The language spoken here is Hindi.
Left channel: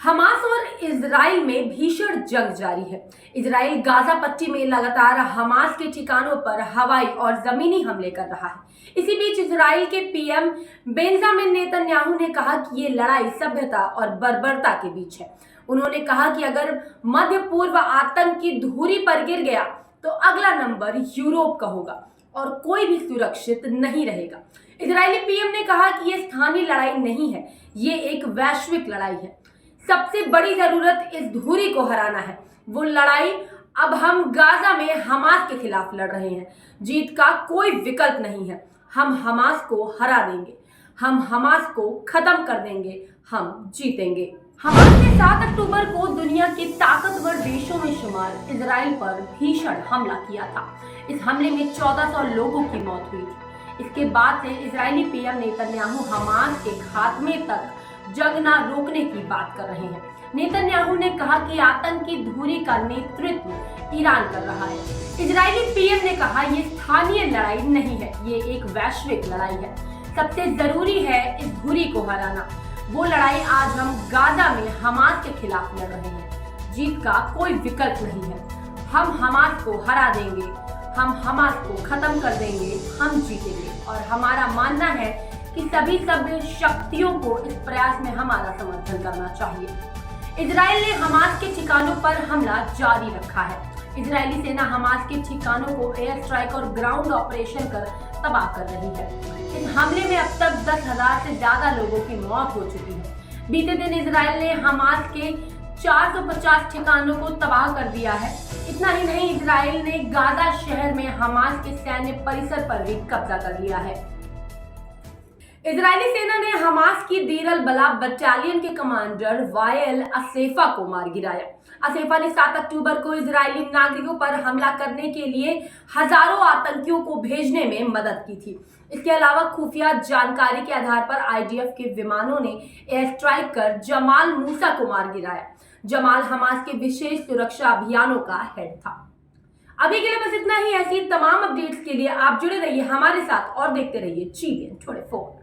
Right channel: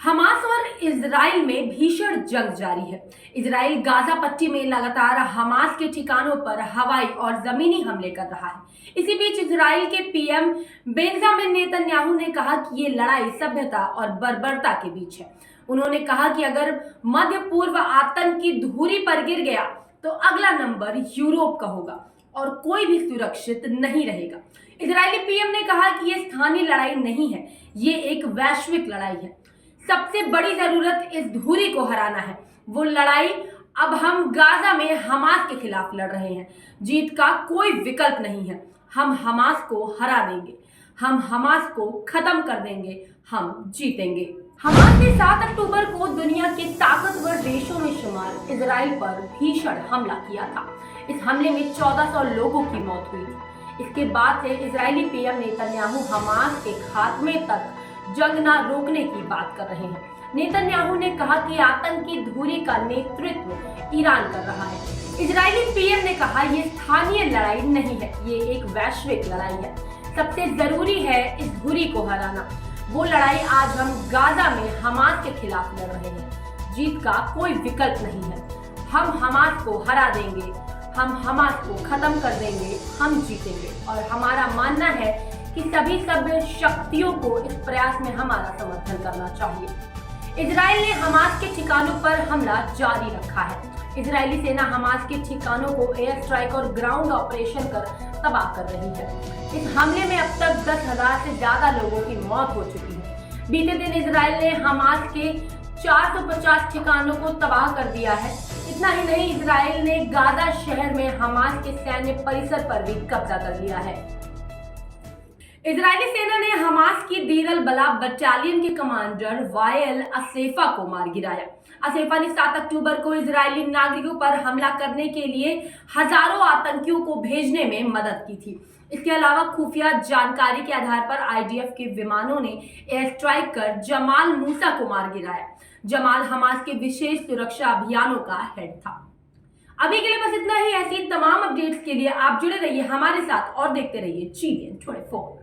हमास और इजराइल में भीषण जंग जारी है। इजराइल गाजा पट्टी में लगातार हमास के ठिकानों पर हवाई और जमीनी हमले कर रहा है। इसी बीच इजराइल के पीएम बेंजामिन नेतन्याहू ने कहा कि ये लड़ाई सभ्यता और बर्बरता के बीच है। उन्होंने कहा कि अगर मध्य पूर्व आतंक की धुरी पर गिर गया तो अगला नंबर यूरोप का होगा और कोई भी सुरक्षित नहीं रहेगा। इजरायली पीएम ने कहा कि ये स्थानीय लड़ाई नहीं है, ये एक वैश्विक लड़ाई है। सबसे बड़ी जरूरत इस धुरी को हराना है। वो लड़ाई अब हम गाजा में हमास के खिलाफ लड़ रहे हैं। जीत का कोई विकल्प नहीं है। हम हमास को हरा देंगे, हम हमास को खत्म कर देंगे, हम जीतेंगे। हमास ने 7 अक्टूबर को दुनिया के ताकतवर देशों में शुमार इजराइल पर भीषण हमला किया था। इस हमले में 1400 लोगों की मौत हुई थी। इसके बाद से इजरायली पीएम नेतन्याहू हमास के खात्मे तक जंग न रोकने की बात कर रहे हैं। नेतन्याहू ने कहा कि आतंक की धुरी का नेतृत्व ईरान कर रहा है। इजरायली पीएम ने कहा ये स्थानीय लड़ाई नहीं है, ये एक वैश्विक लड़ाई है। सबसे जरूरी है इस धुरी को हराना। वो लड़ाई आज हम गाजा में हमास के खिलाफ लड़ रहे हैं। जीत का कोई विकल्प नहीं है। हम हमास को हरा देंगे, हम हमास को खत्म कर देंगे, हम जीतेंगे। और हमारा मानना है कि सभी सभ्य शक्तियों को इस प्रयास में हमारा समर्थन करना चाहिए। इजराइल ने हमास के ठिकानों पर हमला जारी रखा है। इजरायली सेना हमास के ठिकानों को एयर स्ट्राइक और ग्राउंड ऑपरेशन कर तबाह कर रही है। इस हमले में अब तक 10,000 से ज्यादा लोगों की मौत हो चुकी है। बीते दिन इजराइल ने हमास के 450 ठिकानों को तबाह कर दिया है। इतना ही नहीं, इजराइल ने गाजा शहर में हमास के सैन्य परिसर पर भी कब्जा कर लिया है। इजरायली सेना ने हमास की दीर अल बला बटालियन के कमांडर वायल असेफा को मार गिराया। असेफा ने 7 अक्टूबर को इजरायली नागरिकों पर हमला करने के लिए हजारों आतंकियों को भेजने में मदद की थी। इसके अलावा खुफिया जानकारी के आधार पर आईडीएफ के विमानों ने एयर स्ट्राइक कर जमाल मूसा को मार गिराया। जमाल हमास के विशेष सुरक्षा अभियानों का हेड था। अभी के लिए बस इतना ही। ऐसी तमाम अपडेट्स के लिए आप जुड़े रहिए हमारे साथ और देखते रहिए GVN 24।